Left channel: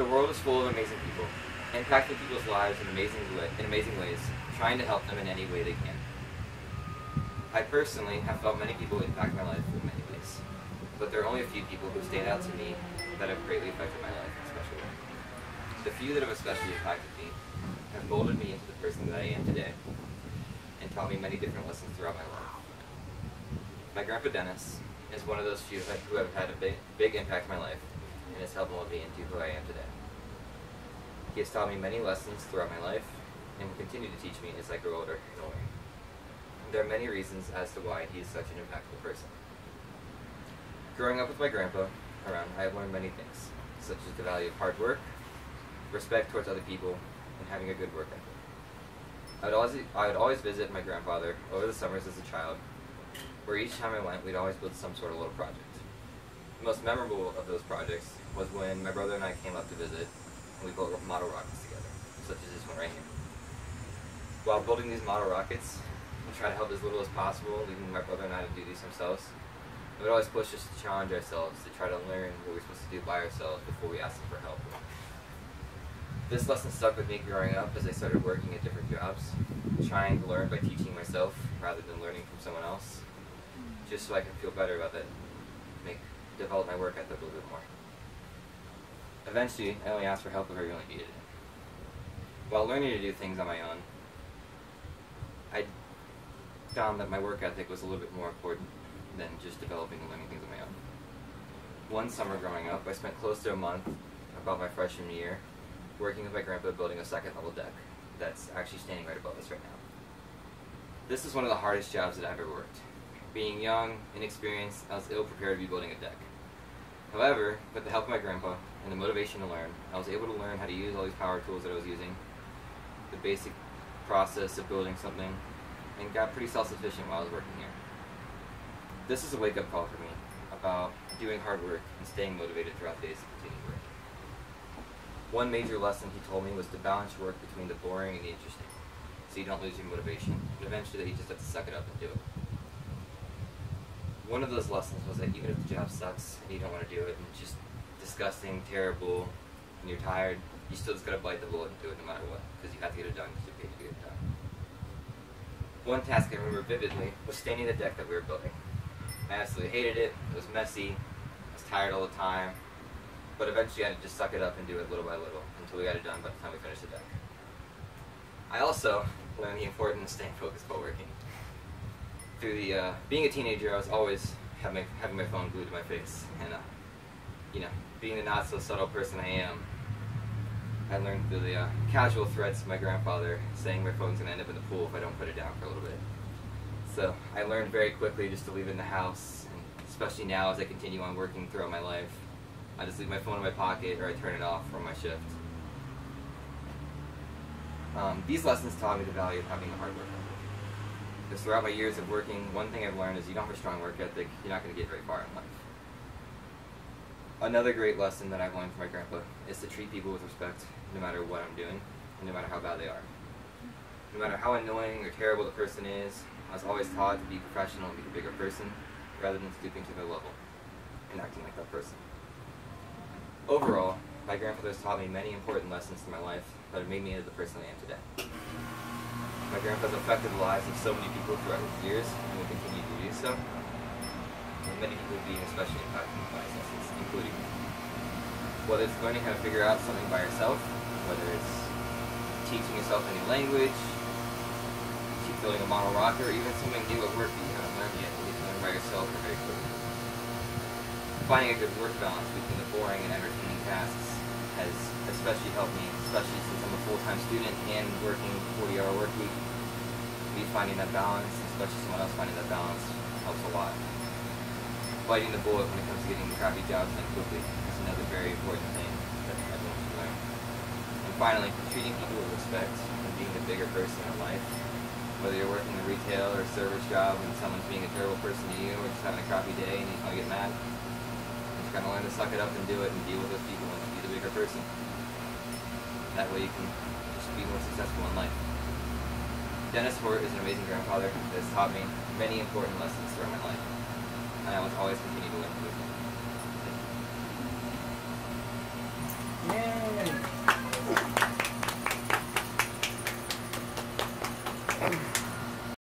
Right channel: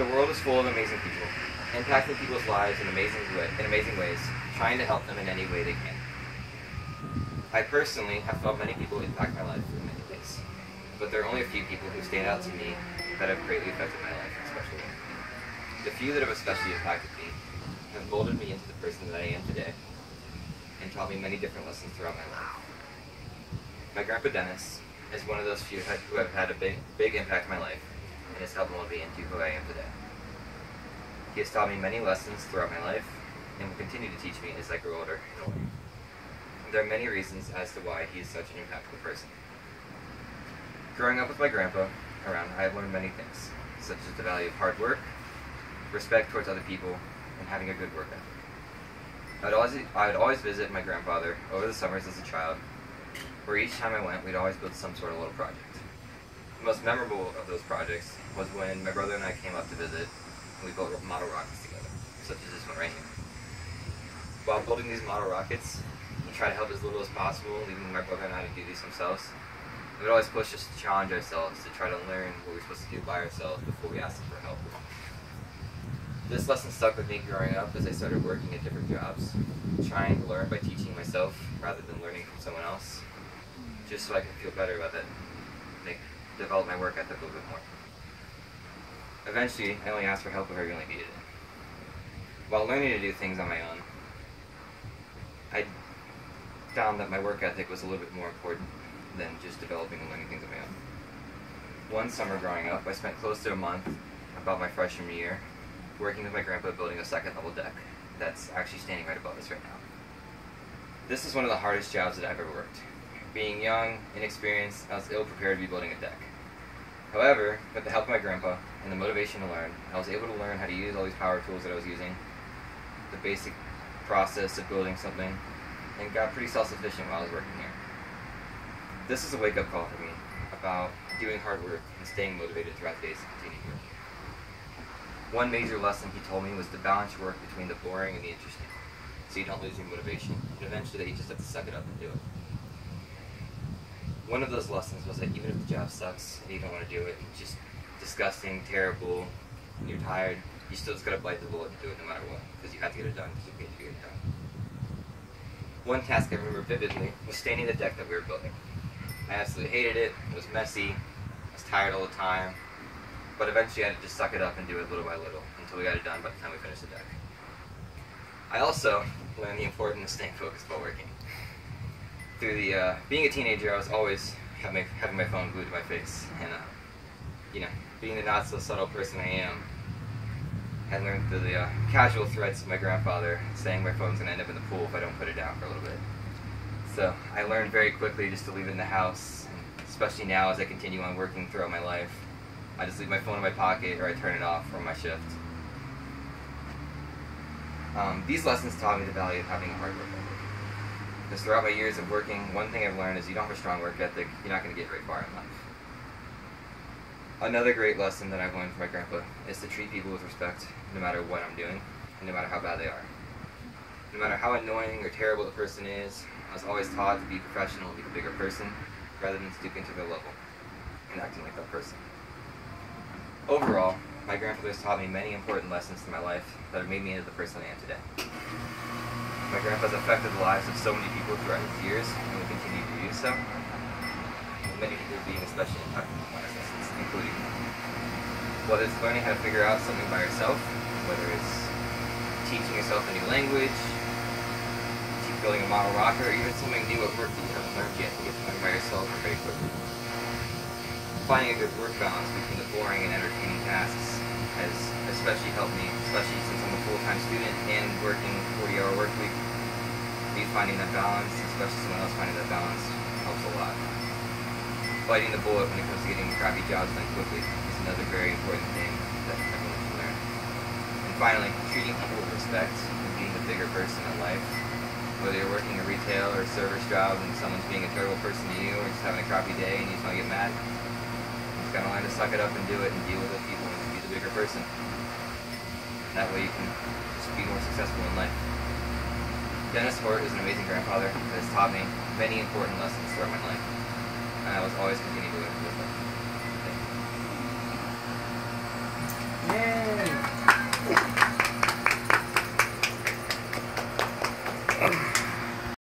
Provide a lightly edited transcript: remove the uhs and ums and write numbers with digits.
The world is full of amazing people, impacting people's lives in amazing ways, trying to help them in any way they can. I personally have felt many people impact my life in many ways, but there are only a few people who stand out to me that have greatly affected my life in a special way. The few that have especially impacted me have molded me into the person that I am today, and taught me many different lessons throughout my life. My grandpa Dennis is one of those few who have had a big impact on my life, and has helped mold me into who I am today. He has taught me many lessons throughout my life, and will continue to teach me as I grow older and older. There are many reasons as to why he is such an impactful person. Growing up with my grandpa around, I have learned many things, such as the value of hard work, respect towards other people, and having a good work ethic. I would always visit my grandfather over the summers as a child, where each time I went, we'd always build some sort of little project. The most memorable of those projects was when my brother and I came up to visit, and we built model rockets together, such as this one right here. While building these model rockets, we try to help as little as possible, leaving my brother and I to do these themselves. It would always push us to challenge ourselves, to try to learn what we're supposed to do by ourselves before we ask them for help. This lesson stuck with me growing up as I started working at different jobs, trying to learn by teaching myself rather than learning from someone else, just so I could feel better about it, develop my work ethic a little bit more. Eventually, I only asked for help if I really needed it. While learning to do things on my own, I found that my work ethic was a little bit more important than just developing and learning things on my own. One summer growing up, I spent close to a month, about my freshman year, working with my grandpa building a second level deck that's actually standing right above us right now. This is one of the hardest jobs that I've ever worked. Being young, inexperienced, I was ill-prepared to be building a deck. However, with the help of my grandpa and the motivation to learn, I was able to learn how to use all these power tools that I was using, the basic process of building something, and got pretty self-sufficient while I was working here. This is a wake-up call for me about doing hard work and staying motivated throughout the days to continue work. One major lesson he told me was to balance your work between the boring and the interesting, so you don't lose your motivation, and eventually you just have to suck it up and do it. One of those lessons was that even if the job sucks and you don't want to do it, and it's just disgusting, terrible, and you're tired, you still just gotta bite the bullet and do it no matter what, because you have to get it done because you have to get it done. One task I remember vividly was staining the deck that we were building. I absolutely hated it, it was messy, I was tired all the time, but eventually I had to just suck it up and do it little by little until we got it done by the time we finished the deck. I also learned the importance of staying focused while working. Through the, being a teenager, I was always having my phone glued to my face, and being the not so subtle person I am, I learned through the casual threats of my grandfather saying my phone's gonna end up in the pool if I don't put it down for a little bit. So I learned very quickly just to leave it in the house, and especially now as I continue on working throughout my life. I just leave my phone in my pocket or I turn it off from my shift. These lessons taught me the value of having a hard work ethic. Because throughout my years of working, one thing I've learned is you don't have a strong work ethic, you're not going to get very far in life. Another great lesson that I've learned from my grandpa is to treat people with respect no matter what I'm doing, and no matter how bad they are. No matter how annoying or terrible the person is, I was always taught to be professional and be the bigger person, rather than stooping to their level and acting like that person. Overall, my grandfather has taught me many important lessons in my life that have made me into the person I am today. My grandpa's affected the lives of so many people throughout his years, and will continue to do so, with many people being especially impacted by his lessons, including me. Whether it's learning how to figure out something by yourself, whether it's teaching yourself a new language, building a model rocket, or even something new at work that you haven't learned yet, you get to learn by yourself or very quickly. Finding a good work balance between the boring and entertaining tasks has especially helped me, especially since I'm a full-time student and working 40-hour work week. Me finding that balance, especially someone else finding that balance, helps a lot. Biting the bullet when it comes to getting crappy jobs done quickly is another very important thing that everyone should learn. And finally, treating people with respect and being the bigger person in life. Whether you're working a retail or a service job and someone's being a terrible person to you, or just having a crappy day and you just want to get mad, you just gotta learn to suck it up and do it and deal with those people and be the bigger person. That way you can just be more successful in life. Dennis Hoert is an amazing grandfather that has taught me many important lessons throughout my life, and I will always continue to learn from him.